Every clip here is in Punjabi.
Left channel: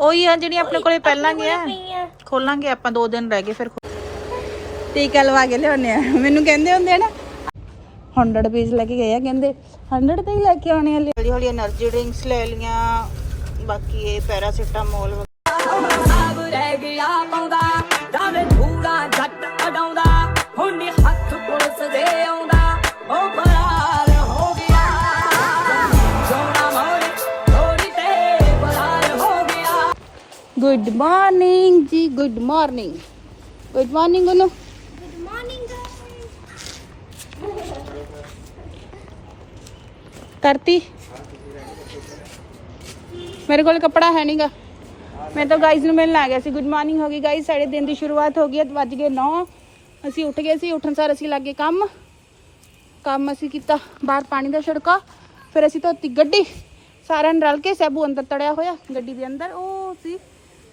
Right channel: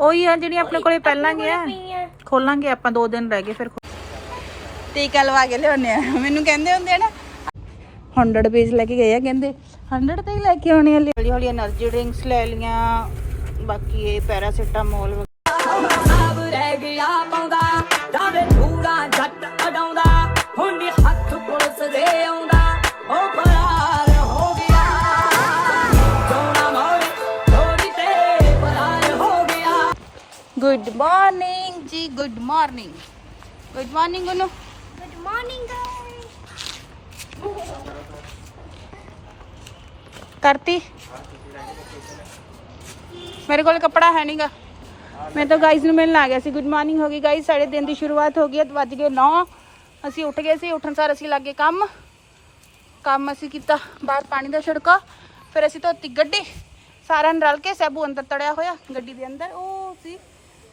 ਉਹੀ ਆ ਜਿਹੜੀਆਂ ਆਪਣੇ ਕੋਲੇ ਪਹਿਲਾਂ ਗਿਆ ਖੋਲਾਂਗੇ ਆਪਾਂ 2 ਦਿਨ ਰਹਿ ਗਏ ਫਿਰ ਟੀਕਾ ਲਵਾ ਕੇ ਲਿਆਉਣੇ ਆ। ਮੈਨੂੰ ਕਹਿੰਦੇ ਹੁੰਦੇ ਨਾ 100 ਪੀਸ ਲੈ ਕੇ ਗਏ ਆ ਕਹਿੰਦੇ 100 ਤੇ ਹੀ ਲੈ ਕੇ ਆਉਣੇ ਆ। ਹੌਲੀ ਹੌਲੀ એનર્ਜੀ ਡਰਿੰਕਸ ਲੈ ਲੀਆਂ ਬਾਕੀ ਇਹ ਪੈਰਾਸੀਟਾਮੋਲ ਸਾਬ ਗਿਆ ਗੁੱਡ ਮਾਰਨਿੰਗ ਜੀ ਗੁੱਡ ਮਾਰਨਿੰਗ ਗੁੱਡ ਮਾਰਨਿੰਗ ਉਹਨੂੰ ਗੁੱਡ ਮਾਰਨਿੰਗ ਕਰਤੀ ਮੇਰੇ ਕੋਲ ਕੱਪੜਾ ਹੈ ਨਹੀਂਗਾ ਮੈਂ ਤਾਂ ਗਾਈਸ ਨੂੰ ਮਿਲਣ ਆ ਗਿਆ ਸੀ। ਗੁੱਡ ਮਾਰਨਿੰਗ ਹੋ ਗਈ ਗਾਈਸ ਸਾਡੇ ਦਿਨ ਦੀ ਸ਼ੁਰੂਆਤ ਹੋ ਗਈ ਹੈ। ਵੱਜ ਗਏ 9 ਅਸੀਂ ਉੱਠ ਗਏ ਸੀ। ਉੱਠਣ ਸਾਰ ਅਸੀਂ ਲੱਗੇ ਕੰਮ। ਕੰਮ ਅਸੀਂ ਕੀਤਾ ਬਾਹਰ ਪਾਣੀ ਦਾ ਛਿੜਕਾ। ਫਿਰ ਅਸੀਂ ਧੋਤੀ ਗੱਡੀ। ਸਾਰਿਆਂ ਨੇ ਰਲ ਕੇ ਸੈਬੂ ਅੰਦਰ ਤੜਿਆ ਹੋਇਆ। ਗੱਡੀ ਦੇ ਅੰਦਰ। ਉਹ ਸੀ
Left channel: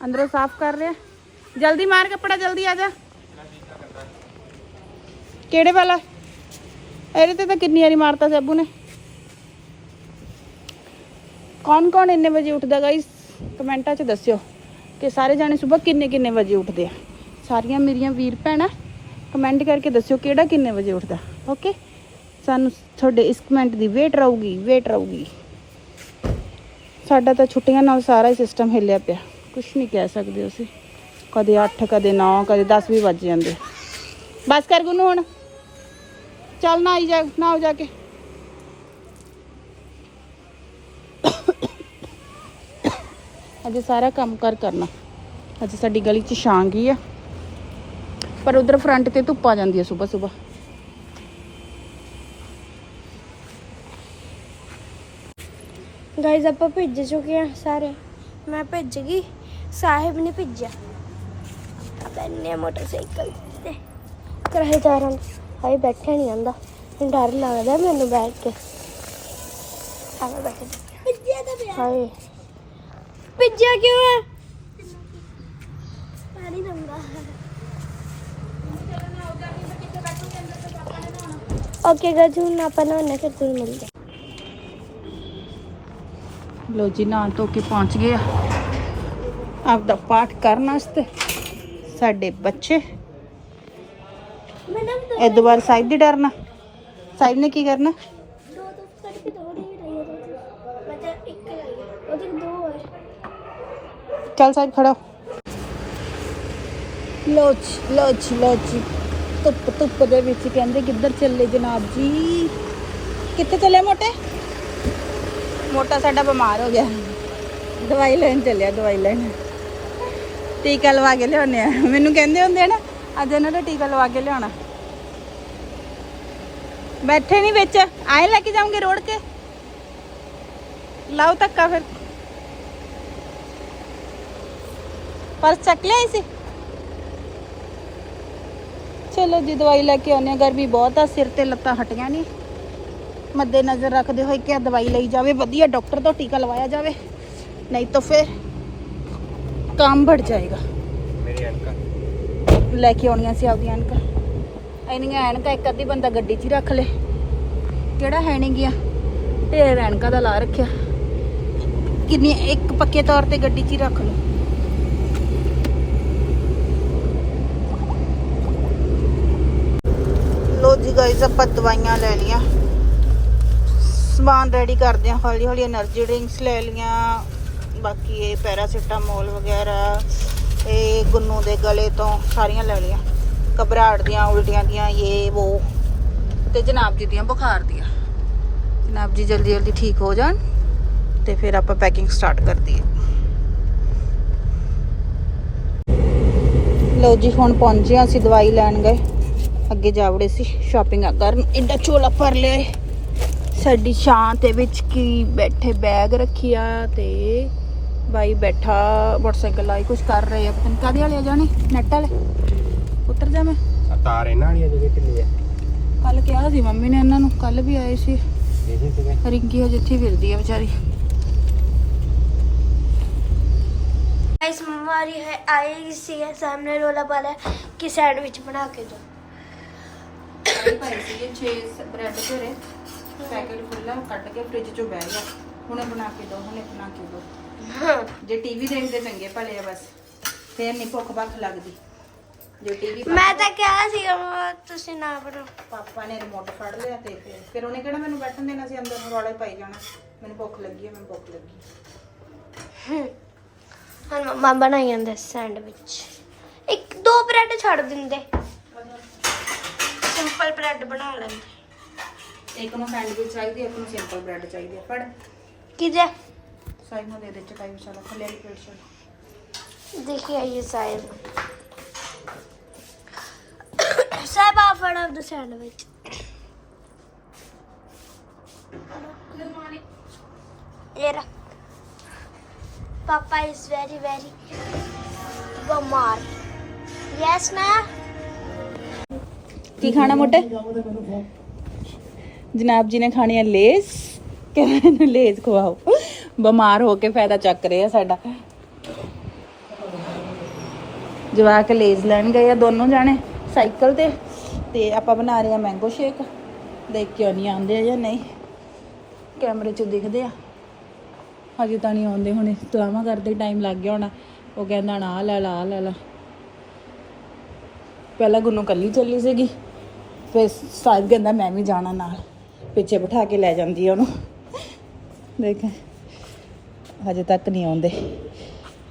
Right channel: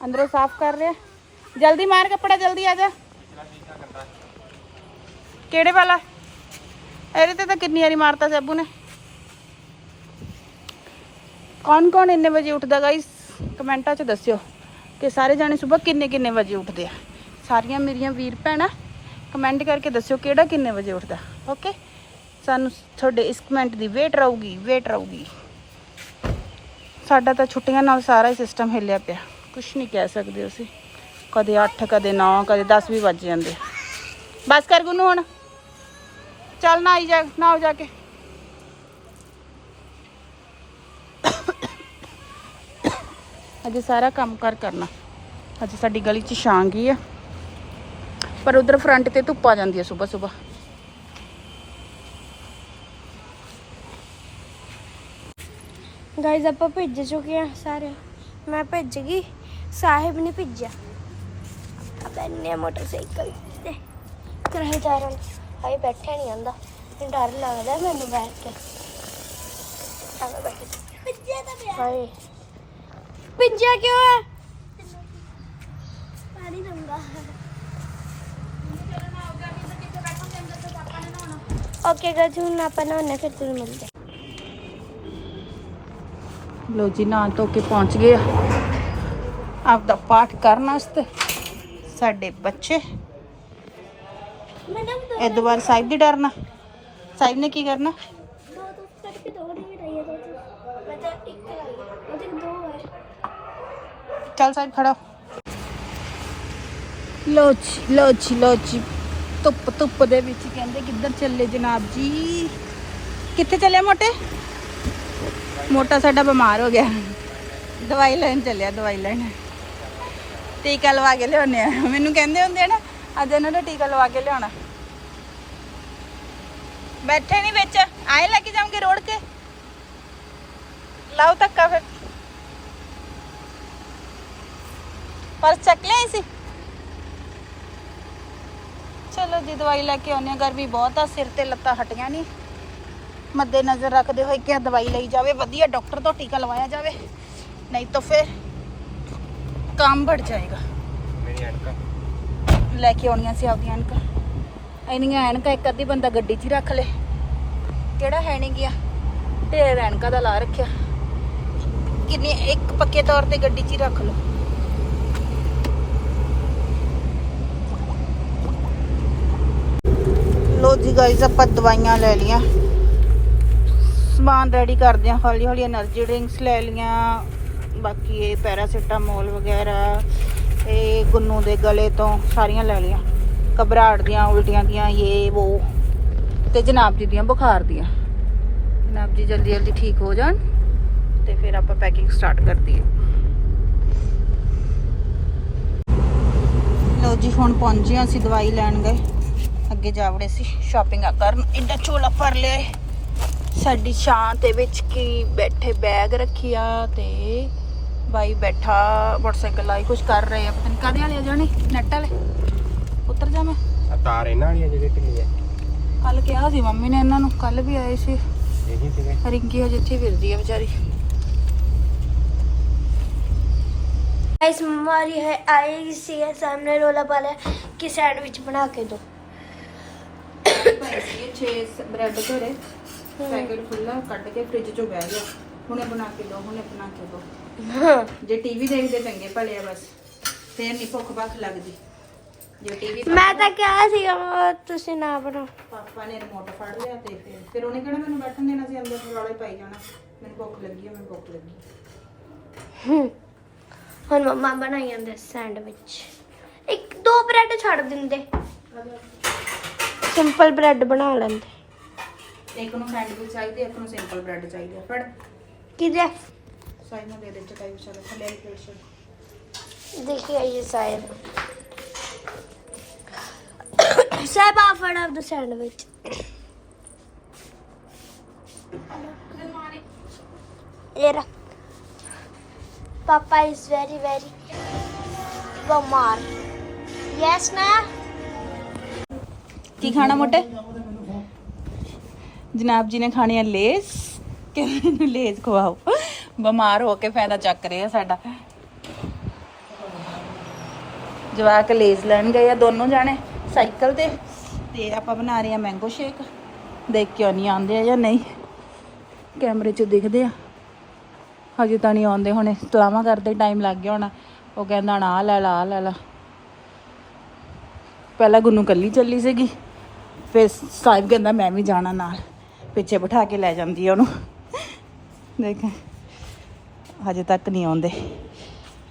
ਅੰਦਰੋਂ ਸਾਫ਼ ਕਰ ਰਿਹਾ। ਜਲਦੀ ਮਾਰ ਕੱਪੜਾ, ਜਲਦੀ ਆ ਜਾ। ਕਿਹੜੇ ਵਾਲਾ? ਇਹਦੇ ਤੇ ਤਾਂ ਕਿੰਨੀ ਵਾਰੀ ਮਾਰਤਾ ਸਾਬੂ ਨੇ। ਕੌਣ ਕੌਣ ਇੰਨੇ ਵਜੇ ਉੱਠਦਾ ਗਾਈਸ ਕਮੈਂਟਾਂ 'ਚ ਦੱਸਿਓ ਕਿ ਸਾਰੇ ਜਾਣੇ ਸਵੇਰ ਕਿੰਨੇ ਕਿੰਨੇ ਵਜੇ ਉੱਠਦੇ ਆ। ਸਾਰੀਆਂ ਮੇਰੀਆਂ ਵੀਰ ਭੈਣਾਂ, ਕਮੈਂਟ ਕਰਕੇ ਦੱਸਿਓ ਕਿਹੜਾ ਕਿੰਨੇ ਵਜੇ ਉੱਠਦਾ। ਓਕੇ ਸਾਨੂੰ ਤੁਹਾਡੇ ਇਸ ਕਮੈਂਟ ਦੀ ਵੇਟ ਰਹੂਗੀ ਵੇਟ ਰਹੂਗੀ। ਸਾਡਾ ਤਾਂ ਛੁੱਟੀਆਂ ਨਾਲ ਸਾਰਾ ਹੀ ਸਿਸਟਮ ਹਿੱਲਿਆ ਪਿਆ। ਕੁਝ ਨਹੀਂ ਕਹਿ ਸਕਦੇ ਅਸੀਂ ਕਦੇ 8 ਕਦੇ 9 ਕਦੇ 10 ਵੀ ਵੱਜ ਜਾਂਦੇ ਬਸ ਕਰ ਗੁੰਨੂ ਹੁਣ ਚੱਲ ਨਾ ਆਈ ਜਾ ਨਾ ਹੋ ਜਾ ਕੇ ਅੱਜ ਸਾਰਾ ਕੰਮ ਕਰ ਕਰਨਾ ਅੱਜ ਸਾਡੀ ਗਲੀ 'ਚ ਛਾਂ ਗਈ ਆ ਪਰ ਉਧਰ ਫਰੰਟ ਤੇ ਧੁੱਪ ਆ ਜਾਂਦੀ ਹੈ ਸਵੇਰ ਸਵੇਰ ਗਾਇਜ਼ ਆਪਾਂ ਭਿੱਜ ਚੁੱਕੇ ਆ ਸਾਰੇ ਮੈਂ ਭਿੱਜ ਗਈ ਸਾਹਿਬ ਨੇ ਭਿੱਜਿਆ। ਬੰਨੇ ਮੋਟਰਸਾਈਕਲ ਤੇ ਕਿਰਾਏਦਾਰਾਂ ਆਈ ਬੈਠਿਆ ਨਹੀਂ ਆਂਦਾ ਮੈਨੂੰ ਡਰ ਲੱਗਦਾ ਮੈਨੂੰ ਬੈਠ ਕੇ। ਭਿੱਜਿਆ ਤਾਂ ਪਿਆ ਹਾਏ। ਭਿੱਜਿਆ ਕਿਉਂ ਹੈ ਪਾਣੀ ਦੰਗਾ ਓਕੇ ਗਾਇਜ਼ ਹੁਣ ਆਪਾਂ ਨਾ ਫਿਰ ਤੁਹਾਨੂੰ ਮਿਲਦੇ ਲੋ ਜੀ ਨਾ ਧੋ ਕੇ ਪਹੁੰਚ ਗਏ ਆਪਦਾ ਪਾਠ ਕਰਨ ਵਾਸਤੇ ਸਾਡੇ ਬੱਚੇ। ਇਹ ਦੁਬਾਰਾ ਸਾਹਿਬ ਦੀ ਡਰਨਾ। ਸਾਹਿਬ ਨੇ ਕੀ ਕਰਨਾ? ਦੋ ਦੋ ਕਰਕੇ ਦੋ ਨਹੀਂ ਰਹੀ ਹੈ ਮੈਂ ਤਾਂ ਇੱਕ ਲਾਈ ਹੈ ਉਹਦੇ ਦੋ ਹੈ ਚੱਲ ਸਾਹਿਬ ਖੜਾ ਲੋਚ ਲੋਚ ਲੋਚ ਧੁੱਪ ਧੁੱਪ ਦੇ ਵਿੱਚ ਕਹਿੰਦੇ ਕਿੱਧਰ ਚੱਲੇ ਜਨਾਬ ਜੀ? ਕਿੱਥੇ ਚੱਲਿਆ ਮੋਟੇ? ਮੋਟਾ ਸਾਡਾ ਬਿਮਾਰ ਹੋ ਗਿਆ। ਦਵਾਈ ਲੈਣ ਚੱਲਿਆ ਦਵਾਈ ਲੈਣ। ਟੀਕਾ ਲਵਾ ਕੇ ਲਿਆਉਣੇ ਆ। ਮੈਨੂੰ ਕਹਿੰਦੇ ਹੁੰਦੇ ਆ ਅੱਜ ਇਹਨਾਂ ਦਾ ਟੀਕਾ ਲਵਾ ਕੇ ਲਿਆਉਣਾ। ਬੈਠੇ ਨਹੀਂ ਵਿੱਚ, ਆਏ ਲੈ ਕੇ ਜਾਉਂਗੇ ਰੋੜ ਕੇ। ਲਾਓ ਧੱਕਾ ਫਿਰ। ਪਰਸ ਚੱਕ ਲਿਆ ਸੀ? ਚਲੋ ਜੀ, ਦਵਾਈ ਲੈ ਕੇ ਆਉਂਦੇ ਆ। ਗਰਮੀ ਬਹੁਤ ਆ, ਸਿਰ ਤੇ ਲੱਤਾਂ ਹਟੀਆਂ ਨਹੀਂ ਮੱਦੇ ਨਜ਼ਰ ਰੱਖਦੇ ਹੋਏ ਕਿ ਦਵਾਈ ਲਈ ਜਾਵੇ, ਵਧੀਆ ਡਾਕਟਰ ਤੋਂ ਟੀਕਾ ਲਵਾਇਆ ਜਾਵੇ। ਨਹੀਂ ਤਾਂ ਫਿਰ काम बढ़ जाएगा लेके आनिया से आपकी ਐਨਕਾਂ ਇੰਨੀਆਂ ਐਨਕਾਂ ਇੱਕ ਅੱਧੀ ਬੰਦਾ ਗੱਡੀ 'ਚ ਰੱਖ ਲੇ। ਕਿਹੜਾ ਹੈ ਨਹੀਂ ਗਿਆ। ਢੇਰ ਐਨਕਾਂ ਦਾ ਲਾ ਰੱਖਿਆ। ਕਿੰਨੀ ਇੱਕ ਪੱਕੇ ਤੌਰ ਤੇ ਗੱਡੀ 'ਚ ਰੱਖ ਲਓ। ਲੋ ਜੀ ਗਾਇਸ ਆਪਾਂ ਦਵਾਈਆਂ ਲੈ ਲੀਆਂ ਸਮਾਨ ਰੈਡੀ ਕਰਦੇ ਹਾਂ ਹੌਲੀ ਹੌਲੀ એનર્ਜੀ ਡਰਿੰਕਸ ਲੈ ਲੀਆਂ ਬਾਕੀ ਇਹ ਪੈਰਾਸੀਟਾਮੋਲ ਵਗੈਰਾ, ਇਹ ਗੁੰਨੂ ਦੇ ਗਲੇ ਤੋਂ ਸਾਰੀਆਂ ਲੈ ਲੀਆਂ ਘਬਰਾਹਟ ਦੀਆਂ, ਉਲਟੀਆਂ ਦੀਆਂ ਇਹ ਉਹ ਤੇ ਜਨਾਬ ਜੀ ਦੀਆਂ ਬੁਖਾਰ ਦੀਆਂ। ਜਨਾਬ ਜੀ ਜਲਦੀ ਜਲਦੀ ਠੀਕ ਹੋ ਜਾਣ ਤੇ ਫਿਰ ਆਪਾਂ ਪੈਕਿੰਗ ਸਟਾਰਟ ਕਰ ਦਈਏ। ਲੋ ਜੀ, ਹੁਣ ਪਹੁੰਚੇ ਹਾਂ ਅਸੀਂ ਦਵਾਈ ਲੈਣ ਗਏ। ਅੱਗੇ ਜਾਵੜੇ ਸੀ ਸ਼ਾਪਿੰਗ ਕਰਨ। ਐਡਾ ਝੋਲਾ ਭਰ ਲਿਆ ਏ। ਸਾਡੀ ਛਾਂ ਦੇ ਵਿੱਚ ਕੀ ਬੈਠੇ ਬੈਗ ਰੱਖਿਆ ਤੇ ਬਾਈ ਬੈਠਾ ਮੋਟਰਸਾਈਕਲ ਲਾਈ ਕੁਝ ਕਰ ਰਹੇ ਆ ਪਤਾ ਨਹੀਂ ਕਾਹਦੇ ਵਾਲੇ ਆ ਜਾਣੀ ਨੈਟ ਵਾਲੇ ਉਤਰ ਜਾ ਮੈਂ ਆ ਤਾਰ ਇਹਨਾਂ ਵਾਲੀਆਂ ਜਿਹੜੇ ਢਿੱਲੀ ਹੈ ਕੱਲ ਕਿਹਾ ਸੀ ਮੰਮੀ ਨੇ ਇਹਨਾਂ ਨੂੰ ਕੱਲ ਵੀ ਆਏ ਸੀ ਇਹ ਵੀ ਕਿਵੇਂ ਰਿੰਗੀ ਹਜੇ ਇੱਥੇ ਹੀ ਫਿਰਦੀ ਆ ਵਿਚਾਰੀ गाइस हमारी है आई सी है सामने रोला पाला कि सैंडविच बना के दो ਭਾਈ ਸੀ 6 ਬ੍ਰੈਡ ਤੇਰੇ ਪੈਕੇਟ ਖੁੱਲਾ ਕੱਢ ਕੇ ਫ੍ਰਿਜ ਚੋਂ ਬਹਿ ਗਿਆ ਹੁਣੇ ਬਣਾ ਕੇ ਦੋ ਹੁਣੇ ਬਣਾ ਕੇ ਦੋ ਜੇ ਟੀਵੀ ਦੇਖਦੇ ਚੰਗੇ ਭਲੇ ਆ ਬਸ ਫੇਰ ਨਹੀਂ ਭੁੱਖ ਭੱਖ ਲੱਗਦੀ। ਜੇ ਟੀਵੀ ਮੈਂ ਤਾਂ ਕਿਹਾ ਸੀ ਤੁਸੀਂ ਨਾ ਬਣਾਓ। ਪਾਪਾ ਨੇ ਰਿਮੋਟ ਫੜ ਲਿਆ ਤੇ ਫਿਰ ਫਿਰ ਉਹਨੇ ਕਿਹੜਾ ਮੈਨੂੰ ਬੈਠਣ ਦੇਣਾ ਸੀ ਅੰਦਰ ਵਾਲੇ ਪਾਈ ਜਾਣਾ। ਮੈਨੂੰ ਭੁੱਖ ਲੱਗੀ ਹੈ ਮੈਨੂੰ ਭੁੱਖ ਲੱਗੀ। ਹੁਣ ਮੰਮਾ ਬਣਾਈ ਜਾਂਦੇ ਸੈਂਡਵਿਚ। ਇੱਕ ਦੋ ਬ੍ਰੈਡ ਛੱਡ ਦਿੰਦੇ। ਸਿੰਪਲ ਬ੍ਰੈਡ ਬਣਾ ਲੈਂਦੇ। ਇੱਕ ਨੂੰ ਸੈਂਡਵਿਚ ਚਾਹੀਦੀ ਇੱਕ ਨੂੰ ਸਿੰਪਲ ਬ੍ਰੈਡ ਚਾਹੀਦੀ ਫੜ। ਕਿਦੇ टाइम हो गया देखिए टाइम चला खुले पेड़ से देखिए ये साहब साहब आप फड़ा द सैंडविच ये रहा पापा इज वेरी वेरी ਬਿਮਾਰ ਯੈਸ ਨਾ ਕੀ ਖਾਣਾ ਮੋਟੇ ਜਨਾਬ ਜੀ ਨੇ ਖਾਣੀ ਹੈ ਲੇਜ਼ ਕਹਿੰਦੇ ਨੂੰ ਲੇਜ਼ ਖਵਾਓ ਬਿਮਾਰ ਹੋ ਕੇ ਫਾਇਦਾ ਚੱਕ ਰਹੇ ਆ ਸਾਡਾ। ਜਵਾਕ ਲੇਸ ਲੈਣ ਗਏ ਆ ਦੋਨੋਂ ਜਾਣੇ ਸਾਈਕਲ ਤੇ ਤੇ ਆਪਾਂ ਬਣਾ ਰਹੇ ਆ ਮੈਂਗੋ ਸ਼ੇਕ ਦੇਖ ਕਿਉਂ ਨਹੀਂ ਆਉਂਦੇ ਆ ਜਾਂ ਨਹੀਂ। ਕੈਮਰੇ 'ਚ ਦਿਖਦੇ ਆ। ਹਜੇ ਤਾਂ ਨਹੀਂ ਆਉਂਦੇ ਹੁਣੇ। ਸਲਾਮਾ ਕਰਦੇ ਟਾਈਮ ਲੱਗ ਗਿਆ ਹੋਣਾ। ਉਹ ਕਹਿੰਦਾ ਨਾ ਆਹ ਲੈ ਲਾ ਆਹ ਲੈ ਲਾ। ਪਹਿਲਾਂ ਗੁੰਨੂ ਕੱਲੀ ਚੱਲੀ ਸੀਗੀ। ਫਿਰ ਸਾਹਿਬ ਕਹਿੰਦਾ ਮੈਂ ਵੀ ਜਾਣਾ ਨਾਲ। ਪਿੱਛੇ ਬਿਠਾ ਕੇ ਲੈ ਜਾਂਦੀ ਉਹਨੂੰ। ਦੇਖ। ਹਜੇ ਤੱਕ ਨਹੀਂ ਆਉਂਦੇ।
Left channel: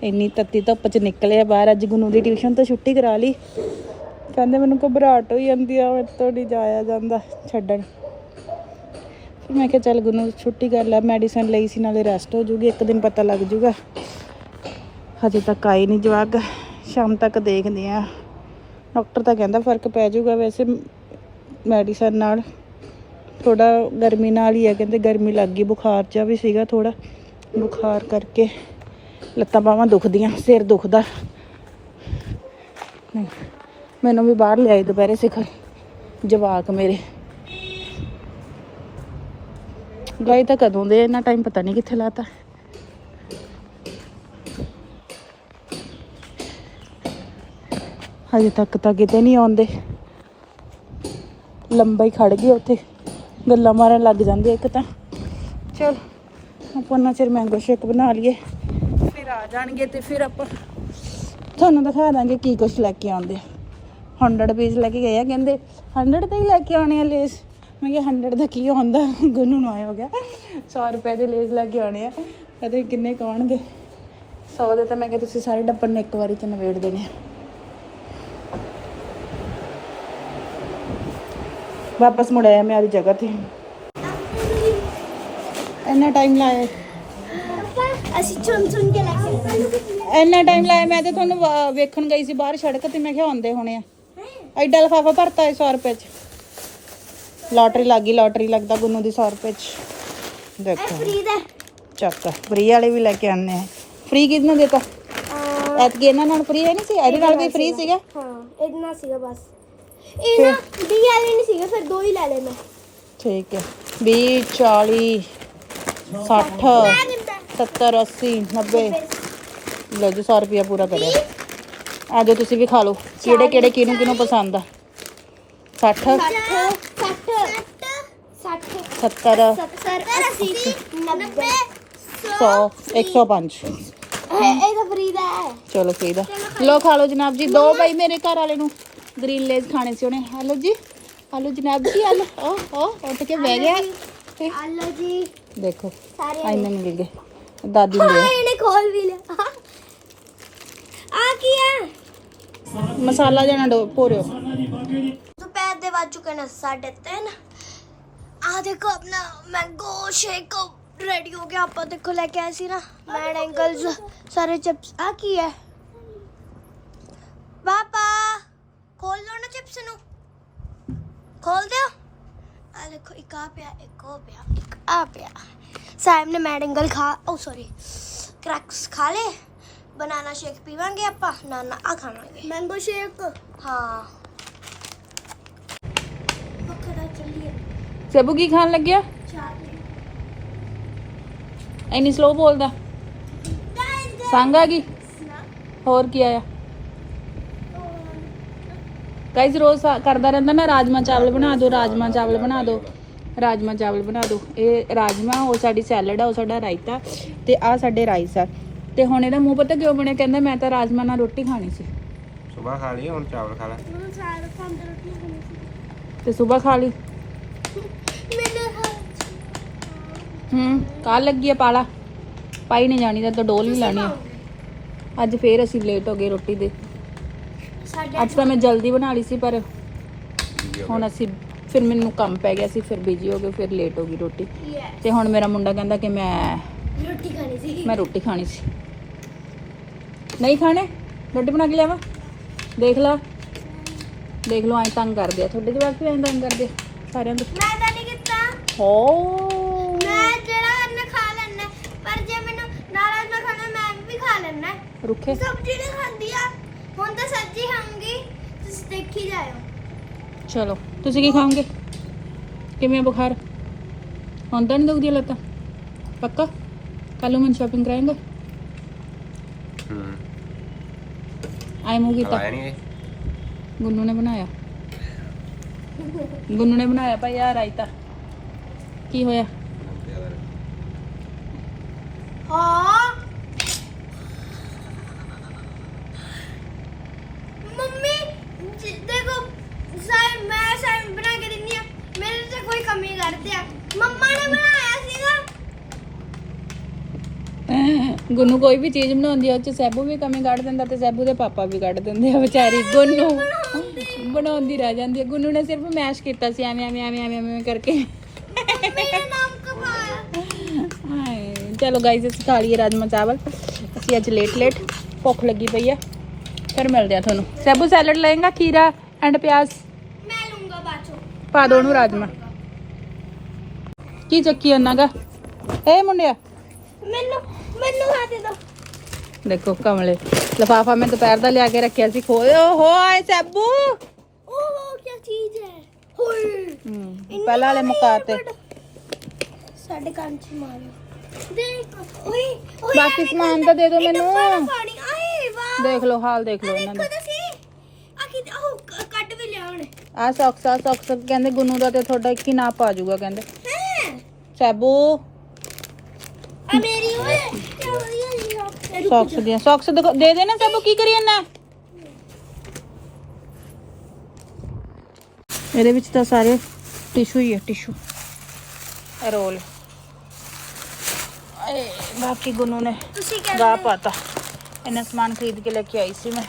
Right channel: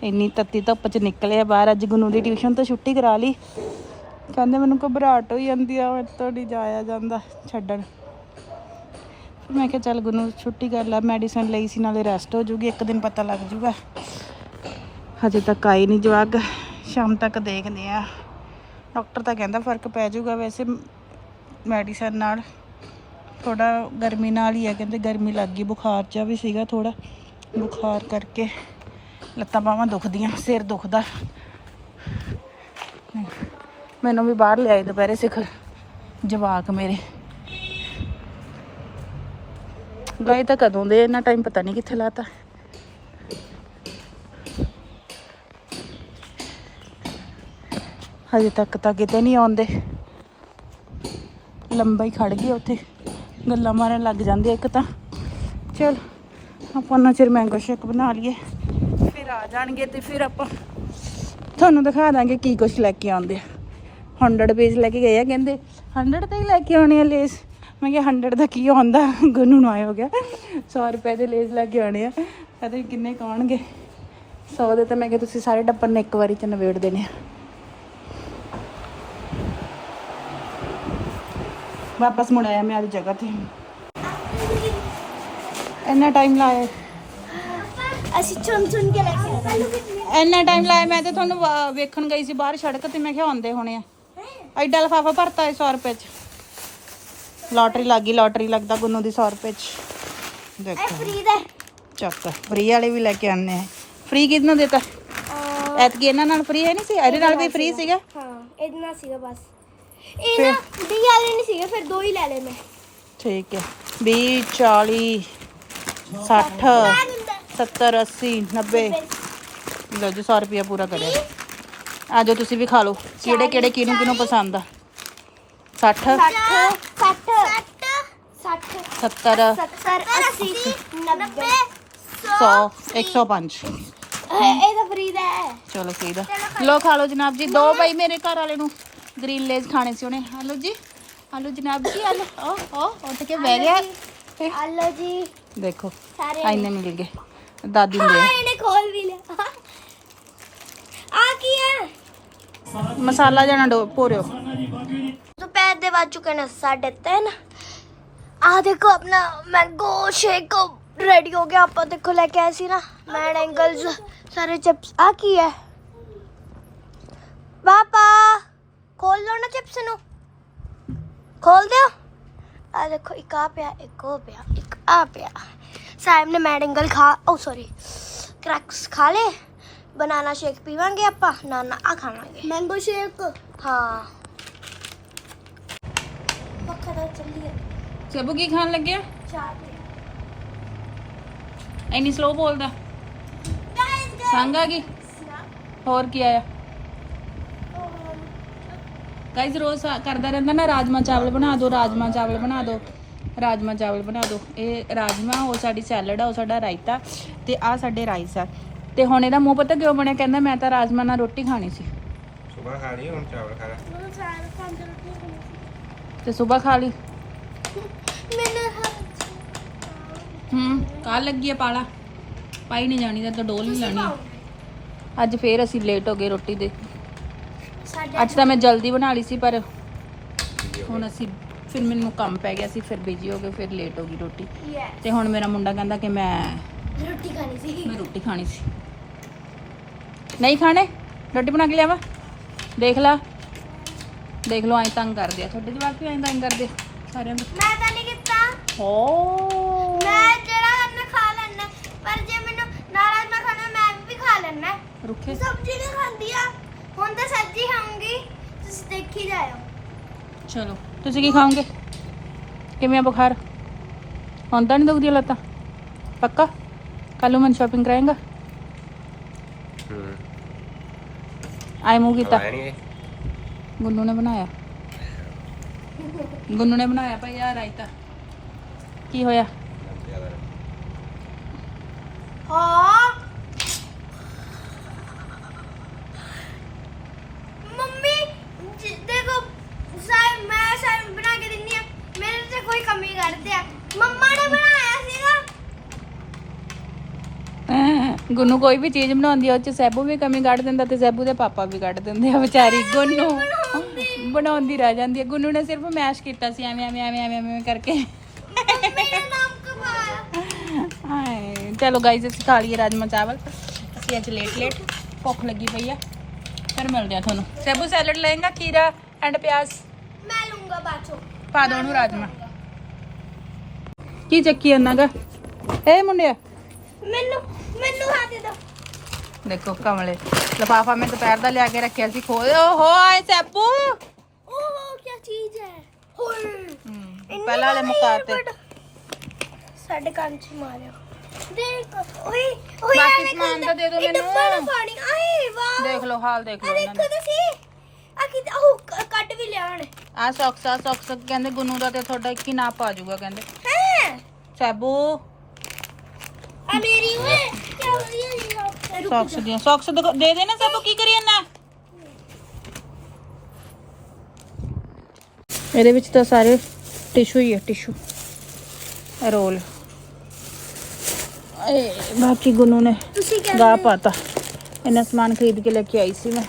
ਇੰਨੀ ਤੱਤੀ ਧੁੱਪ ਚ ਨਿਕਲਿਆ ਬਾਹਰ, ਅੱਜ ਗੁਨੂ ਦੀ ਟਿਊਸ਼ਨ ਤੋਂ ਛੁੱਟੀ ਕਰਾ ਲਈ। ਕਹਿੰਦੇ ਮੈਨੂੰ ਘਬਰਾਹਟ ਹੋਈ ਜਾਂਦੀ ਆ, ਮੇਰੇ ਤੋਂ ਨਹੀਂ ਜਾਇਆ ਜਾਂਦਾ ਛੱਡਣ। ਫਿਰ ਮੈਂ ਕਿਹਾ ਚੱਲ ਗੁਨੂ ਛੁੱਟੀ ਕਰ ਲੈ, ਮੈਡੀਸਨ ਲਈ ਸੀ, ਨਾਲੇ ਰੈਸਟ ਹੋ ਜੂਗੀ, ਇੱਕ ਦਿਨ ਪਤਾ ਲੱਗ ਜੂਗਾ। ਹਜੇ ਤੱਕ ਆਈ ਨਹੀਂ ਜਵਾਕ, ਸ਼ਾਮ ਤੱਕ ਦੇਖਦੇ ਆ। ਡਾਕਟਰ ਤਾਂ ਕਹਿੰਦਾ ਫ਼ਰਕ ਪੈ ਜਾਊਗਾ ਵੈਸੇ ਮੈਡੀਸਨ ਨਾਲ। ਥੋੜਾ ਗਰਮੀ ਨਾਲ ਹੀ ਆ, ਕਹਿੰਦੇ ਗਰਮੀ ਲੱਗ ਗਈ, ਬੁਖਾਰ ਜਿਹਾ ਵੀ ਸੀਗਾ ਥੋੜਾ ਬੁਖਾਰ ਕਰਕੇ ਲੱਤਾਂ ਬਾਹਾਂ ਦੁਖਦੀਆਂ ਸਿਰ ਦੁਖਦਾ। ਨਹੀਂ, ਮੈਨੂੰ ਵੀ ਬਾਹਰ ਲਿਆਈ ਦੁਪਹਿਰੇ ਸਿਖਰ ਜਵਾਕ ਮੇਰੇ। ਗਏ ਤਾਂ ਕਦੋਂ ਦੇ ਇਹਨਾਂ ਟਾਈਮ ਪਤਾ ਨਹੀਂ ਕਿੱਥੇ ਲਾਤਾ। ਹਜੇ ਤੱਕ ਤਾਂ ਕਿਤੇ ਨਹੀਂ ਆਉਂਦੇ। ਲੰਬਾ ਹੀ ਖੜ ਗਏ ਉੱਥੇ। ਗੱਲਾਂ ਮਾਰਨ ਲੱਗ ਜਾਂਦੇ ਇੱਕ ਤਾਂ। ਚਲ। ਆਪਾਂ ਨਾ ਚਿਰ ਮੈਂਗੋ ਸ਼ੇਕ ਬਣਾ ਲਈਏ। ਫਿਰ ਆ ਜਾਣਗੇ ਤੇ ਫਿਰ ਆਪਾਂ ਤੁਹਾਨੂੰ ਦਿਖਾ ਦਾਂਗੇ ਕੀ ਕੁਝ ਲੈ ਕੇ ਆਉਂਦੇ ਆ। 100 ਪੀਸ ਲੈ ਕੇ ਗਏ ਆ, ਕਹਿੰਦੇ 100 ਤੇ ਹੀ ਲੈ ਕੇ ਆਉਣੇ ਆ ਲੇਸ ਮੈਂ ਕਿਹਾ 100 ਦਾ ਕੀ ਆਉਂਦਾ? ਗੁੰਨੂ ਨੂੰ ਆਏ ਹੋ ਗਿਆ। 100 ਰੁਪਏ ਦੇ ਲੇਸ ਲੈ ਕੇ ਆਉਣੇ ਆ। ਕਦੇ ਕਿੰਨੇ ਕਾਣਗੇ 100 ਦੇ ਤਾਂ ਮੈਂ ਕਿਹਾ ਤੁਸੀਂ ਸਾਰੇ ਡੱਬਰ ਨੇ ਇੱਕ ਵਾਰੀ ਚ ਨਵੇੜ ਦੇਣੇ ਆ। ਵਾਪਸ ਮੁੜ ਆਇਆ ਮੈਂ ਆਪਣੀ ਜਗ੍ਹਾ ਤੇ। ਇੰਨਾ ਟਾਈਮ ਲਾਇਆ ਅਸੀਂ ਚੁਣ ਚੁਣ ਕੇ ਲੈ ਕੇ ਇੰਨਾ ਟਾਈਮ ਲਾਇਆ ਮੈਂ ਤੇ ਤੁਹਾਨੂੰ ਵਾ- ਵੇਖਣ ਗਈ ਸੀ ਬਾਹਰ ਸੜਕ ਤੇ ਮੈਂ ਕਿਹਾ ਆਉਂਦੇ ਹੋਣੇ ਆ। ਐਡਾ ਲਫਾਫਾ ਭਰਤਾ ਹੈ 100 ਰੁਪਏ ਚ। ਲਾਟਰੀ ਲੱਗੀ ਲਾਟਰੀ ਲੱਗਦਾ ਗੁੰਨੂ ਦੀ 100 ਰੁਪਏ ਚ। ਦੇਖੋ। ਫਰੀ ਦਾ। ਚੱਕ ਫ੍ਰੀ ਵਾਲੇ ਵੀ ਲੈ ਕੇ ਆਨੇ ਆ। ਫ੍ਰੀ ਕਿਹਨੂੰ ਦਿੱਤਾ? ਐਤਕੀ ਇਹਨਾਂ ਨਾਲ ਫ੍ਰੀ ਹੈ ਨਹੀਂ ਸੀ? ਇਹਦੇ ਨਾਲ ਵੀ ਫ੍ਰੀ ਸੀਗਾ? ਹਾਂ ਇਤਨਾ ਸੀਗਾ ਬਸ। ਇਹ ਨਾ ਦੀ ਵਾਲੇ ਨਹੀਂ ਸੀਗੇ ਫਿਰ ਦੋ ਹੀ ਲੈ ਲਏ ਮੈਂ। ਠੀਕ ਹੈ। 20 40 60 70 80 90 ਲਓ ਜੀ 100 ਰੁਪਿਆ ਪੂਰਾ ਕਰਿਆ। ਆ ਜਾਓ, ਤੁਸੀਂ ਵੀ ਖਾ ਲਓ। ਕਿਹੜੇ ਕਿਹੜੇ, ਕਿਹਨੂੰ ਕਿਹਨੂੰ ਪਸੰਦ ਆ? 60 70 100 105 ਇਹ ਤਾਂ ਹੈ ਚਲੋ, ਸਹੀ ਦਾ। ਲੋ ਖਾ ਲਓ ਜਨਾਬ ਜੀ। ਦੋ ਬਈ ਮੇਰੇ ਘਰ ਵਾਲੇ ਨੂੰ ਗ੍ਰੀਨ ਲੇਜ਼ ਖਾਣੇ ਸੀ ਉਹਨੇ ਹਲੋ ਜੀ। ਹਲੋ ਜਨਾਬ ਜੀ, ਹਲੋ। ਓ ਓ, ਉੱਠ ਕੇ ਬਹਿ ਗਿਆ। ਤੇ ਜੀ। ਦੇਖੋ। ਇੰਨੇ ਮਿਲ ਗਏ ਦਾਦੀ ਦੇ। ਇਹਨੇ ਖੋਲ ਵੀ ਲਿਆ। ਆ ਕੀ ਹੈ ਮਸਾਲਾ ਜਣਾ ਡੋ ਪੋਰਿਓ ਦੁਪਹਿਰ ਦੇ ਵੱਜ ਚੁੱਕੇ ਨੇ 3:30 ਆ ਦੇਖੋ ਆਪਣਾ ਮੈਂਗੋ ਸ਼ੇਕ ਰੈਡੀ ਹੋ ਗਿਆ। ਆਪਾਂ ਦੇਖੋ ਲੈ ਕੇ ਆਏ ਸੀ ਨਾ। ਮੈਨ ਐਂਗਲਸ ਸਾਰੇ ਚਿਪਸ ਆ ਕੀ ਹੈ? ਪਾਪਾ ਖੋਲ ਲਓ ਨਾ ਚਿਪਸ ਨੂੰ। ਖੋਲ ਦਿਓ। ਆ ਦੇਖੋ ਇੱਕ ਆ ਪਿਆ ਇੱਕ ਉਹ ਪਿਆ ਇੱਕ ਆ ਪਿਆ। ਸਾਹਿਬ ਨੇ ਮੈਡੰਗਲ ਖਾ ਓ ਸੌਰੀ ਕ੍ਰੈਕਸ ਖਾ ਲੇ ਬਨਾਨਾ ਸ਼ੇਕ ਪੀਵਾਂਗੇ ਆਪਾਂ ਨਾ ਆ ਖਾਵਾਂਗੇ। ਮੈਂਗੋ ਸ਼ੇਕ ਹਾਂ। ਪੱਕਾ ਚੱਲੀ ਸਭੂ ਕੀ ਖਾਣ ਲੱਗਿਆ? ਚਾਹ ਐਨੀ ਸਲੋ ਬੋਲਦਾ। ਸੰਗ ਆ ਹੋਰ ਕੀ ਆਇਆ? ਗਾਇਜ਼ ਰੋਜ਼ ਕਰਦਾ ਰਹਿੰਦਾ ਨਾ ਰਾਜਮਾ ਚਾਵਲ ਬਣਾ ਦਿਓ ਰਾਜਮਾ ਚਾਵਲ ਬਣਾ ਦਿਓ ਰਾਜਮਾ ਚਾਵਲ ਬਣਾ ਦਿਓ ਇਹ ਰਾਜਮਾ ਉਹ ਸਾਡੀ ਸੈਲਡ ਆ ਉਹ ਸਾਡਾ ਰਾਇਤਾ ਤੇ ਆ ਸਾਡੇ ਰਾਈਸ ਆ। ਤੇ ਹੁਣ ਇਹਦਾ ਮੂੰਹ ਪਤਾ ਕਿਉਂ ਬਣਿਆ? ਕਹਿੰਦਾ ਮੈਂ ਤਾਂ ਰਾਜਮਾ ਨਾਲ ਰੋਟੀ ਖਾਣੀ ਸੀ। ਸਵੇਰ ਖਾ ਲਈ ਹੁਣ ਚਾਵਲ ਖਾ ਲੈ। ਤੇ ਸਵੇਰ ਖਾ ਲਈ? ਮੈਨੂੰ ਹੂੰ ਕੱਲ ਲੱਗੀ ਆ ਪਾਲਾ? ਪਾਈ ਨਹੀਂ ਜਾਣੀ ਤਾਂ ਡੋਲ ਹੀ ਲਾਣੀ ਅੱਜ ਫੇਰ ਅਸੀਂ ਲੇਟ ਹੋ ਗਏ ਰੋਟੀ ਦੇ। ਸਾਡੇ ਅੱਜ ਤਾਂ ਮੈਂ ਜਲਦੀ ਬਣਾ ਲਈ ਸੀ ਪਰ ਹੁਣ ਅਸੀਂ ਫਿਰ ਮੈਨੂੰ ਕੰਮ ਪੈ ਗਿਆ ਸੀ ਫਿਰ ਬਿਜ਼ੀ ਹੋ ਗਏ ਫਿਰ ਲੇਟ ਹੋ ਗਈ ਰੋਟੀ। ਤੇ ਹੁਣ ਮੇਰਾ ਮੁੰਡਾ ਕਹਿੰਦਾ ਕਿ ਮੈਂ ਰੋਟੀ ਖਾਣੀ ਸੀ। ਮੈਂ ਰੋਟੀ ਖਾਣੀ ਸੀ। ਨਹੀਂ ਖਾਣੇ? ਰੋਟੀ ਬਣਾ ਕੇ ਲਿਆਵਾ? ਦੇਖ ਲਾ। ਦੇਖ ਲਓ ਐਂ ਤੰਗ ਕਰਦੇ ਆ। ਤੁਹਾਡੇ ਜਵਾਕ ਵੀ ਐਂ ਤੰਗ ਕਰਦੇ ਸਾਰਿਆਂ ਨੂੰ ਮੈਂ ਤਾਂ ਨਹੀਂ ਕੀਤਾ। ਹੋ। ਮੈਂ ਜਿਹੜਾ ਅੰਨ ਖਾ ਲੈਣਾ ਪਰ ਜੇ ਮੈਨੂੰ ਨਾਰਾਜ਼ ਨਾ ਖਾਣਾ ਮੈਂ ਵੀ ਖਾ ਲੈਣਾ ਰੁੱਖੇ। ਸਬਜ਼ੀ ਨਹੀਂ ਖਾਂਦੀ ਆ। ਹੁਣ ਤਾਂ ਸਬਜ਼ੀ ਖਾਵਾਂਗੀ ਤੁਸੀਂ ਦੇਖੀ ਜਾਇਓ। ਚਲੋ ਤੁਸੀਂ ਕੀ ਖਾਓਗੇ? ਕਿਵੇਂ ਆ ਬੁਖਾਰ? ਤਾਂ ਨਹੀਂ ਦੁਖਦੀ ਲੱਤਾਂ। ਪੱਕਾ? ਕੱਲ ਨੂੰ ਮੈਂ ਸ਼ਾਪਿੰਗ ਕਰਾਂਗਾ ਹੂੰ। ਆਈ ਮੂੰਹ ਕੀਤਾ। ਨਹੀਂ ਇਹ ਗੁੰਨੂ ਨੇ ਬਣਾਇਆ। ਗੁੰਨੂ ਨੇ ਬਣਾਇਆ ਭਾਈ ਆ ਰਾਇਤਾ। ਕੀ ਹੋਇਆ? ਹਾਂ ਮੰਮੀ ਜ- ਦੇਖੋ ਸਾਈ ਮੈਂ ਸਾਈ ਬਣਾ ਕੇ ਦਿੰਨੀ ਆ ਮੇਰੇ ਤੇ ਕੋਈ ਕਮੀ ਕਰਦੇ ਆ ਮੰਮਾ ਨੇ ਬਣਾਇਆ ਸੀਗਾ। ਗੁੰਨੂ ਕੋਈ ਵੀ ਚੀਜ਼ ਬਣਾਉਂਦੀ ਆ ਉਹ ਚ ਸੈਬੂ ਵੀ ਕਮੀ ਕੱਢ ਦਿੰਦਾ ਤੇ ਸੈਬੂ ਦੇ ਪਾਪਾ ਵੀ ਕੱਢ ਦਿੰਦੇ ਆ ਵਿਚਾਰੀ ਗੁੰਨੂ। ਬਣਾਉਂਦੀ। ਰਹਿ ਜਾਂਦੀ ਹੈ ਗੁੰਨੂ ਨੇ ਸਿਰਫ ਮੈਸ਼ ਕੀਤਾ ਸੀ ਐਵੇਂ ਐਵੇਂ ਐਵੇਂ ਐਵੇਂ ਐਵੇਂ ਕਰਕੇ। ਨੇ ਨਾਮ ਹਾਏ ਚਲੋ ਗਾਈਜ਼ ਅਸੀਂ ਖਾ ਲਈਏ ਰਾਜਮਾ ਚਾਵਲ। ਅਸੀਂ ਅੱਜ ਲੇਟ ਲੇਟ ਭੁੱਖ ਲੱਗੀ ਪਈ ਹੈ ਫਿਰ ਮਿਲਦੇ ਆ ਤੁਹਾਨੂੰ। ਸੈਬੂ ਸੈਲਡ ਲਏਗਾ ਖੀਰਾ ਐਂਡ ਪਿਆਜ਼? ਮੈਂ ਲੂੰਗਾ ਬਾਚੋ ਪਾ ਦੋ ਉਹਨੂੰ ਰਾਜਮਾ। ਕੀ ਚੱਕੀ ਇਹਨਾਂ ਦਾ? ਏ ਮੁੰਡਿਆ? ਮੈਨੂੰ ਮੈਨੂੰ ਆ ਦੇ ਦੋ। ਦੇਖੋ ਕਮਲੇ ਲਫਾਫਾ ਮੈਂ ਦੁਪਹਿਰ ਦਾ ਲਿਆ ਕੇ ਰੱਖਿਆ ਸੀ ਖੋਲ। ਓਹੋ ਆਏ ਸੈਬੂ। ਉਹ ਕੀ ਚੀਜ਼ ਹੈ? ਹੋਏ ਹਮ, ਪਹਿਲਾਂ ਵਾਲੇ ਮੁਕਾਤੇ ਸਾਡੇ ਕੰਨ ਚ ਮਾਰਿਆ। ਦੇਖ ਓਏ ਓਏ ਬਾਕੀ ਸਮਾਨ ਤਾਂ ਦੇ ਦਿਓ ਮੈਨੂੰ। ਪਾਣੀ। ਆਏ ਵਾਹ। ਦੇਖ ਲਓ ਹਾਲ ਦੇਖ ਲਓ ਇਹਨਾਂ ਦੇਖੋ ਦਾ। ਤੁਸੀਂ। ਆ ਕੀ ਉਹ ਕ- ਕੱਟ ਵੀ ਲਿਆ ਉਹਨੇ। ਆ ਸੌਕਸ ਆ ਸੌਕਸ ਕਹਿੰਦੇ ਗੁੰਨੂ ਦਾ ਤੇ ਤੁਹਾਡਾ ਇੱਕ ਹੀ ਨਾਪ ਆ ਜਾਊਗਾ ਕਹਿੰਦੇ। ਹੈ ਸੈਬੂ। ਆ ਮੇਰੀ ਓਏ ਕੀ ਵਧੀਆ ਜੀ? ਉਹ ਸੌਕਸ ਦੀਆਂ ਸੌਕਸ ਦੇ ਦੇ ਨਾ ਸੈਬੂ ਕੀ ਕਰੀ ਜਾਂਦਾ? ਇਹਦੇ ਵਿੱਚ ਤਾਂ ਸਾਰੇ ਟਿਸ਼ੂ ਹੀ ਹੈ ਟਿਸ਼ੂ ਰੋਲ ਏ ਬਾਕੀ ਗੁੰਨੂ ਨੇ ਤੁਸੀਂ ਗਾ ਪਾਤਾ। ਇੰਨਾ ਸਮਾਨ ਖਰੀਦ ਕੇ ਲੈ ਕੇ ਆਈ ਸੀ ਮੈਂ।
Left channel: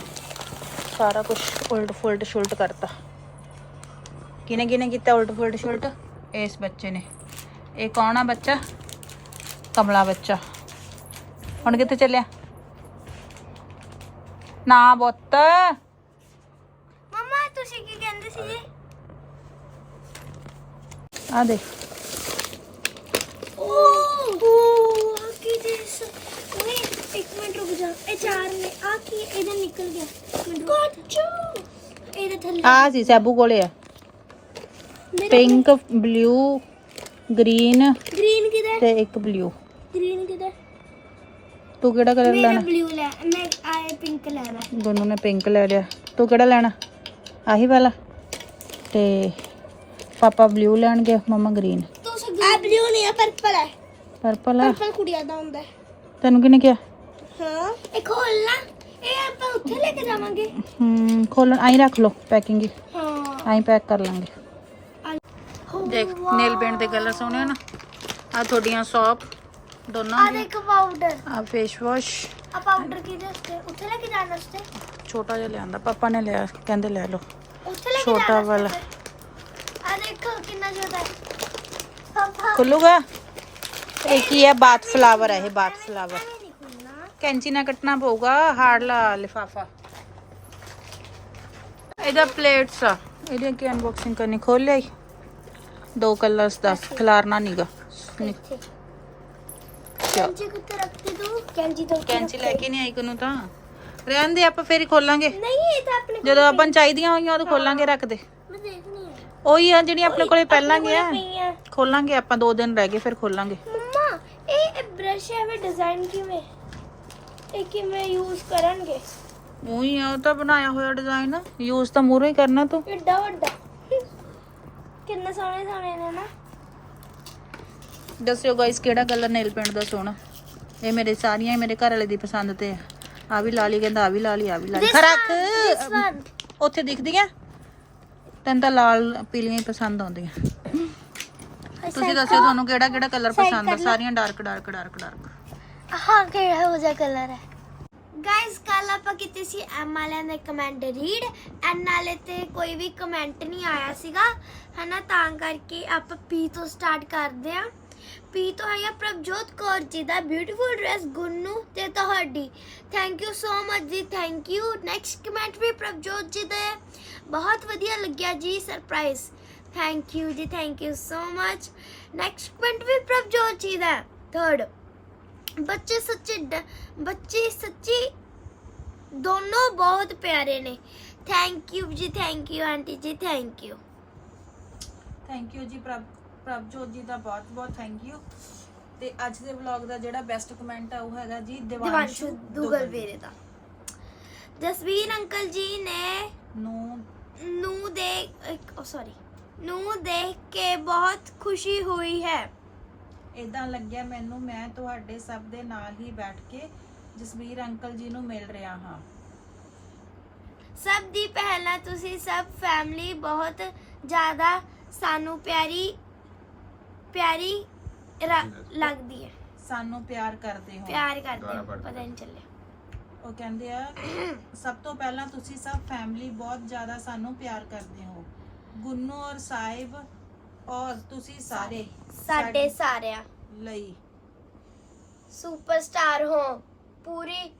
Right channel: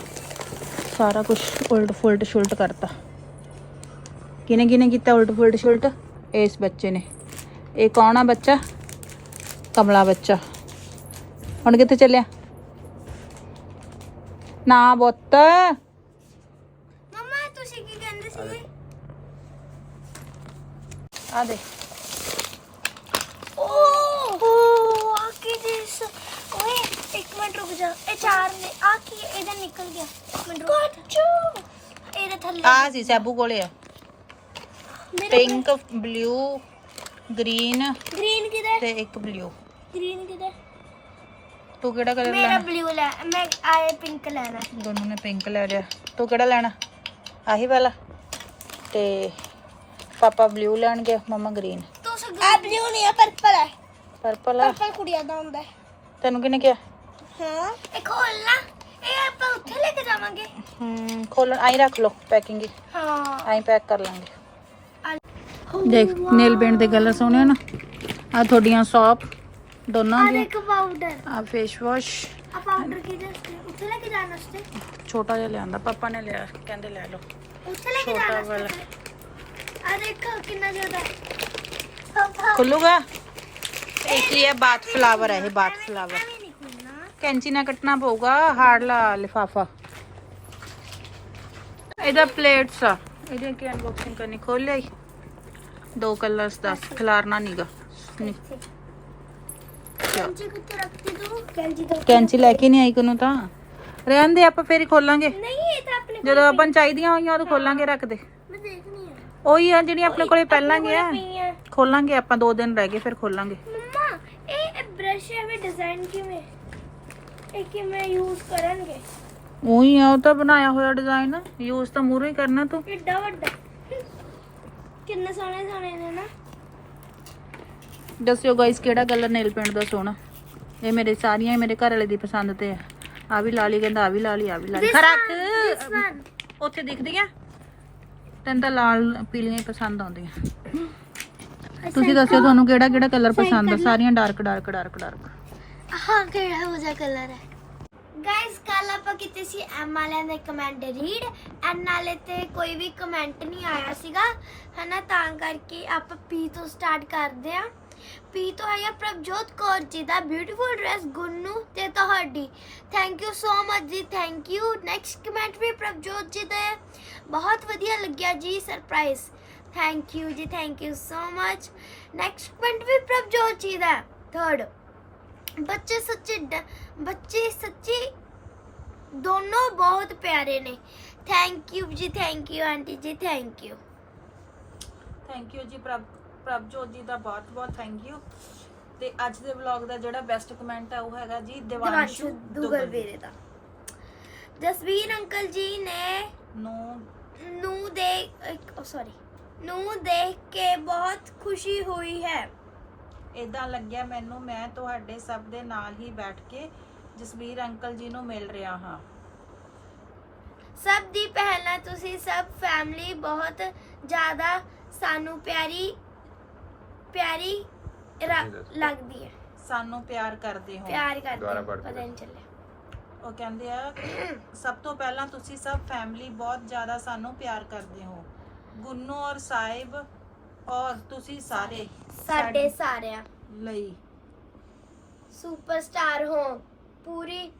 ਸਾਰਾ ਕੁਝ ਉਲਟ ਫੁਲਟ ਸ਼ੁਲਟ ਕਰਤਾ। ਕਿਨੇ ਕਿਨੇ ਕੀਤਾ ਉਲਟ ਫੁਲਟ ਸ਼ੁਲਟ ਇਸ ਬੱਚੇ ਨੇ। ਇਹ ਕੌਣ ਆ ਬੱਚਾ? ਕਮਲਾ ਬੱਚਾ। ਹੁਣ ਕਿੱਥੇ ਚੱਲਿਆ? ਨਾ ਬੁੱਤ ਮਮਾ ਤੁਸੀਂ ਕੀ ਕਹਿੰਦੇ ਸੀ ਜੀ? ਆ ਦੇਖ। ਓ ਓ ਆ ਕੀ ਜਿਸ ਓਏ ਇੱਕ ਮਿੰਟ ਰੁਕ ਜਾ। ਇਹ ਚਾਰ ਨੇ। ਆ ਕੀ? ਇਹਦਾ ਨਿਕਲ ਗਿਆ। ਮਿੰਟ ਕਾਚੂ। ਇਹਦੇ ਥੱਲੇ। ਆ ਸੀ ਸੈਬੂ ਕੋਲੇ ਆ। ਪਿੰਕ ਬਲੂ ਗ੍ਰੀਨ ਗ੍ਰੀਨ ਕਿਧਰ ਤੇ ਇੱਕ ਬਲੂ ਗ੍ਰੀਨ ਕਿਧਰ ਤੂੰ ਕਿਹੜਾ ਕਲਰ ਮੇਰਾ ਲੈਣਾ? ਬਲੂ ਲੈ ਮੈਂ ਆਏ ਪਿੰਕ ਲੈਣਾ। ਦੋਨੋਂ ਨੇ ਪਿੰਕ ਲੈ ਲਿਆ। ਤੂੰ ਕਿਹੜਾ ਲੈਣਾ? ਆਹੀ ਵਾਲਾ? ਤੇ ਪਾਪਾ ਬਲੂ ਲੈਣਗੇ ਮਮਾ ਗ੍ਰੀਨ ਤੁਸੀਂ ਆ ਬਲੂ ਨਹੀਂ ਆ ਪਰਪਲ ਹੈ ਪਰਪਲ ਆ। ਪਰਪਲ ਕੁੜੀਆਂ ਦਾ ਹੁੰਦਾ ਹੈ। ਤੈਨੂੰ ਕਿਹਨੇ ਕਿਹਾ? ਹਾਂ। ਇਹ ਖੋਲਣਾ ਇਹ ਆਪਾਂ ਉੱਥੇ ਲੈ ਕੇ ਜਾਵਾਂਗੇ। ਹੂੰ ਖੋਲਣ ਆਈ ਰੱਖ ਲਓ ਪੈਕਿੰਗ ਹਾਂ। ਆਈ ਪੈਕ ਕਰ ਲਾਂਗੇ। ਦੇਖ ਨੇਲ ਪੇਂਟ ਦੇ ਕਲਰ ਸੋਹਣੇ ਆ ਨਾ। ਆ ਤੁਹਾਡੀਆਂ ਸੌਪ ਦੋਨਾਂ ਆ ਦੀਆਂ। ਦੇਖ ਪਾਊਡਰ ਆ ਫੇਸ ਵਾਸ਼ ਆ ਪਾਊਡਰ ਕਿਹਦੇ ਵਾਸਤੇ? ਉੱਥੇ ਲੈ ਕੇ ਜਾਣ ਵਾਸਤੇ? ਛੋਟਾ ਜਿਹਾ ਲਿਆਂਦਾ ਪਾਪਾ ਨੇ ਲਿਆ ਕਹਿੰਦੇ ਲੈ ਲਓ। ਉੱਥੇ ਲੈ ਕੇ ਛੋਟਾ ਵਾਲਾ। ਆ ਦੇਖ ਕਿੰਨਾ ਜ਼ਿਆਦਾ ਹੈ। ਖੁੱਲੂਗਾ? ਇਹ ਕੀ ਹੈ? ਬਾਤ ਫਲਾਵਰ ਹੈ ਇਹ ਬਾਤ ਫਲਾਵਰ ਕੈਂਚੀ ਨਾਲ ਕੱਟਣਾ ਪਊਗਾ ਹਾਰਡ ਲਾ ਲਿਫਾਫਾ। ਇਹਦਾ ਪਲੇਟਸ ਆ। ਇਹਦੀ ਕੀ ਅਨਬਾਕਸਿੰਗ ਕਰਨੀ? ਖੋਲ ਲਈ ਦੋ ਕਲਰਸ ਦਾ ਖਿਲਾਰਨਾ ਨੀਗਾ। ਕੈਂਚੀ ਕਿੱਥੇ ਰੱਖਤੀ ਤੂੰ? ਕੈਂਚੀ ਤਾਂ ਕੈਂਚੀ ਲੈ ਕੇ ਨਹੀਂ ਆਈ ਕੋਨੂੰ ਤਾਂ। ਰਹਿਣ ਦੇ ਆਪਾਂ ਫੇਰ ਹੀ ਖੋਲਾਂਗੇ। ਨਹੀਂ ਇਹ ਤਾਂ ਆਪਣੇ ਜਦੋਂ ਆਪਾਂ ਨੂੰ ਚਾਹੀਦੀਆਂ ਹੋਈਆਂ ਉਦੋਂ ਖੋਲਾਂਗੇ ਰੱਖ ਦੇ। ਮੈਂ ਦੇਖਣੀ ਹੈ। ਉਹੀ ਆ ਜਿਹੜੀਆਂ ਆਪਣੇ ਕੋਲੇ ਪਹਿਲਾਂ ਗਿਆ ਪਈਆਂ। ਖੋਲਾਂਗੇ ਆਪਾਂ ਦੋ ਦਿਨ ਰਹਿ ਗਏ ਫਿਰ ਖੋਲਾਂਗੇ। ਮੰਮਾ ਇਹ ਬ੍ਰਸ਼ ਹੈ ਵੀ ਡਿਜ਼ਾਈਨ ਕਿਵੇਂ? ਇਹ ਕਿਵੇਂ ਯੂਜ਼ ਕਰਨਗੇ? ਉਹੀ ਆ ਉਹ ਤਾਂ ਬਣਾਇਆ ਹੋਇਆ ਡਿਜ਼ਾਈਨ ਯੂਜ਼ ਤਾਂ ਮੂਰੇ ਹੀ ਕਰਨਾ ਤੂੰ। ਏਡਾ ਵੱਡਾ। ਕਿੰਨੇ ਸੋਹਣੇ ਸੋਹਣੇ ਨੇ ਨਾ। ਦੱਸਿਓ ਗਾਇਸ ਕਿਹੜਾ ਕਲਰ ਨੇਲ ਪੇਂਟ ਦਾ ਸੋਹਣਾ? ਇਹ ਮੇਰੇ ਸਾਰੀਆਂ ਹੀ ਮੇਰੇ ਘਰ ਵਾਲੇ ਦੀ ਪਸੰਦ ਤੇ ਆ। ਆ ਵੀ ਲਾ ਲਈ ਕਹਿੰਦਾ ਆ ਵੀ ਲਾ ਲਈ ਆ ਵੀ ਲਾ ਲਈ। One. ਉੱਥੇ ਦਿਖਦੀਆਂ? ਤੈਨੂੰ ਤਾਂ ਲਾਲ ਪੀਲੀਆਂ ਹੀ ਪਸੰਦ ਆਉਂਦੀਆਂ। ਤੁਸੀਂ ਦੱਸਿਓ ਤੁਹਾਨੂੰ ਕਿਹੜਾ ਕਿਹੜਾ ਕਲਰ ਪਸੰਦ ਆ? ਸਾਰੀਆਂ ਡਾਰਕ ਡਾਰਕ ਡਾਰਕ ਡਾਰਕ ਹਾਂ ਕਿਹੜਾ ਹੋ ਜਾ ਕਲਰ ਹੈ? ਗਾਇਸ ਕੱਲ ਆਪਾਂ ਕੀਤੀ ਸੀ ਐਮ ਵਾਲਿਆਂ ਦੇ ਕਮੈਂਟ ਰੀਡ ਐਨ ਵਾਲੇ ਤੇ ਕੋਈ ਵੀ ਕਮੈਂਟ ਨਹੀਂ ਆਇਆ ਸੀਗਾ, ਹਨਾ? ਤਾਂ ਕਰਕੇ ਆਪਾਂ ਪੀ ਤੋਂ ਸਟਾਰਟ ਕਰਦੇ ਆ ਪੀ ਤੋਂ ਆਇਆ ਪ੍ਰਭਜੋਤ ਕੌਰ ਜੀ ਦਾ ਬਿਊਟੀਫੁਲ ਡਰੈਸ ਗੁੰਨੂ ਤੇ ਤੁਹਾਡੀ। ਥੈਂਕ ਯੂ ਸੋ ਮਚ ਜੀ ਥੈਂਕ ਯੂ ਨੈਕਸਟ ਕਮੈਂਟ ਵੀ ਪ੍ਰਭਜੋਤ ਜੀ ਦਾ। ਬਹੁਤ ਵਧੀਆ ਲੱਗਿਆ ਜੀ ਸਰਪ੍ਰਾਈਜ਼ ਥੈਂਕ ਯੂ ਜੀ thank you so much next comment ਵੀ ਪ੍ਰਭਜੋਤ ਜੀ ਦਾ ਥਰਡ ਬੱਚੇ ਸੱਚੇ ਬੱਚੇ ਸੱਚੀ ਦੋਨੋਂ ਬਹੁਤ ਪਿਆਰੇ ਨੇ। ਥੈਂਕ ਯੂ ਜੀ ਥੈਂਕ ਯੂ ਆਂਟੀ ਜੀ ਥੈਂਕ ਯੂ ਥੈਂਕ ਯੂ ਜੀ ਪ੍ਰਭ ਪ੍ਰਭਜੋਤ ਜੀ ਦਾ ਬਹੁਤ ਬਹੁਤ ਥੈਂਕ ਯੂ ਤੇ ਅੱਜ ਦੇ ਵਲੌਗ ਦਾ ਜਿਹੜਾ ਬੈਸਟ ਕਮੈਂਟ ਆ ਉਹ ਹੈਗਾ ਜੀ ਦਿਵਾਂਸ਼ੂ ਦੁਗਲ ਵੀਰੇ ਦਾ। ਜਸਵੀਰ ਅੰਕਲ ਜੀ ਨੇ ਨੂੰ ਨੂੰ ਦੇ ਸੌਰੀ ਨੂੰ ਦੇਖ ਕੇ ਬਹੁਤ ਖੁਸ਼ੀ ਹੋਈ ਹੈ। ਇਦਾਂ ਲੱਗਿਆ ਮੈਨੂੰ ਮੈਂ ਤੁਹਾਡੇ ਸਭ ਦੇ ਨਾਲ ਹੀ ਬੈਠ ਕੇ ਜਸਵੀਰ ਅੰਕਲ ਜੀ ਨੂੰ ਮਿਲ ਰਿਹਾ ਹਾਂ। ਸਭ ਦੀ ਪਹਿਲਾਂ ਤੁਸੀਂ ਸਭ ਫੈਮਿਲੀ ਬਹੁਤ ਜ਼ਿਆਦਾ ਸਾਨੂੰ ਪਿਆਰੀ ਪਿਆਰੀ ਰਾ- ਲੱਗਦੀ ਹੈ। ਸਾਨੂੰ ਪਿਆਰ ਕਰਦੇ ਹੋ। ਪਿਆਰ ਕਰਦੇ ਦੁਬਾਰਾ ਹੋ, ਪੜ੍ਹ ਪਤਾ। ਨਹੀਂ ਚੱਲਿਆ। ਉਹ ਕਹਿੰਦੇ ਆ ਸਭ ਤੋਂ ਪਹਿਲਾਂ ਤੁਸੀਂ ਸਭ ਫੈਮਿਲੀ ਬਹੁਤ ਜ਼ਿਆਦਾ ਸਾਨੂੰ ਪਿਆਰ ਕਰਦੇ ਹੋ। ਗੁੰਨੂ ਔਰ ਸਾਹਿਬ ਔਰ ਤੁਸੀਂ ਸਾਰੇ ਸਾਡੇ ਸਾਰਿਆਂ ਲਈ ਸੁਪਰਸਟਾਰ ਹੋ। ਪੂਰੀ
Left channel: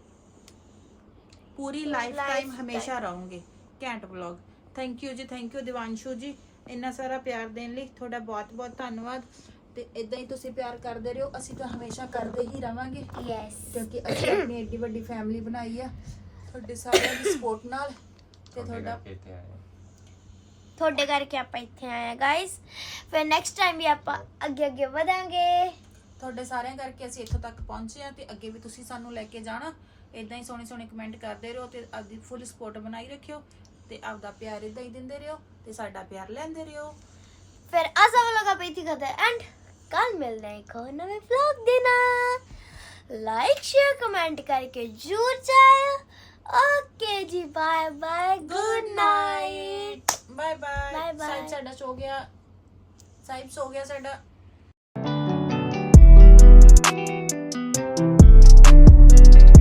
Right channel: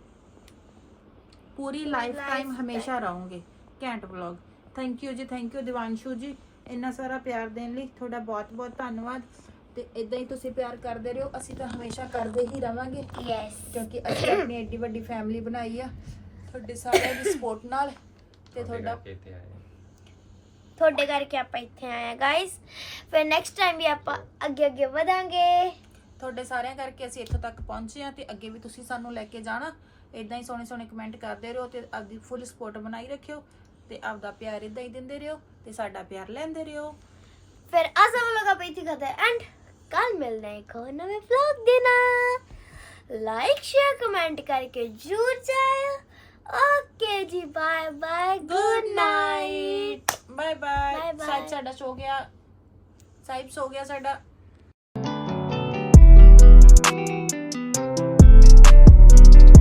ਪੂਰੀ ਲਾਈਫ ਟਾਈਮ. ਹਮੇਸ਼ਾ ਰਹੋਗੇ। ਕੈਂਟ ਵਲੌਗ। ਥੈਂਕ ਯੂ ਜੀ ਥੈਂਕ ਯੂ ਦਿਵਾਂਸ਼ੂ ਜੀ। ਇੰਨਾ ਸਾਰਾ ਪਿਆਰ ਦੇਣ ਲਈ ਤੁਹਾਡਾ ਬਹੁਤ ਬਹੁਤ ਧੰਨਵਾਦ। ਤੇ ਇਦਾਂ ਹੀ ਤੁਸੀਂ ਪਿਆਰ ਕਰਦੇ ਰਹੋ। ਅਸੀਂ ਤਾਂ ਹਮੇਸ਼ਾ ਕਰਦੇ ਹੀ ਰਵਾਂਗੇ। ਯੈਸ ਕਿਉਂਕਿ ਅਸੀਂ ਆਪਣੀ ਐਡੀ ਵੱਡੀ ਫੈਮਿਲੀ ਬਣਾਈ ਆ। ਤੁਹਾਡੇ ਸਾਰਿਆਂ ਦੀ ਸਪੋਰਟ ਨਾਲ ਤੇ ਤੁਹਾਡੇ ਤੁਹਾਡਾ ਕਰਕੇ ਇੱਥੇ ਆਏ ਤੁਹਾਡੇ ਕਰਕੇ ਆਪਾਂ ਇੱਥੇ ਆਏ ਆ ਗਾਇਸ ਫਿਰ ਨੈਕਸਟ ਟਾਈਮ ਵੀ ਆਪਾਂ ਅੱਗੇ ਅੱਗੇ ਵਧਾਂਗੇ ਤੁਹਾਡੇ ਸਾਰਿਆਂ ਕਰਕੇ ਅਸੀਂ ਇੱਥੋਂ ਤੱਕ ਪਹੁੰਚੇ ਆ ਤੇ ਅੱਗੇ ਵੀ ਤੁਸੀਂ ਸਾਨੂੰ ਲੈ ਕੇ ਜਾਣਾ ਇਦਾਂ ਹੀ ਸੋਹਣੇ ਸੋਹਣੇ ਕਮੈਂਟ ਕਰਦੇ ਰਹੋ ਤੇ ਆਪਦੀ ਫੁੱਲ ਸਪੋਰਟ ਬਣਾਈ ਰੱਖਿਓ ਤੇ ਆਪਦਾ ਪਿਆਰ ਇਦਾਂ ਹੀ ਦਿੰਦੇ ਰਹੋ ਤੇ ਸਾਡਾ ਪਿਆਰ ਲੈਂਦੇ ਰਹੋ ਫਿਰ ਅੱਜ हम लोग आप इतनी करते हैं एंड कल मिलने एक और नवे व्लॉग देना लाइक शेयर कमेंट करके जरूर जाओ ओके जी bye bye good night bye bye Bye bye. ਸਾਹਿਬ ਸਾਡਾ ਸੋ ਗਿਆ। ਸਾਹਿਬ ਸੋ ਗਿਆ ਸਾਡਾ।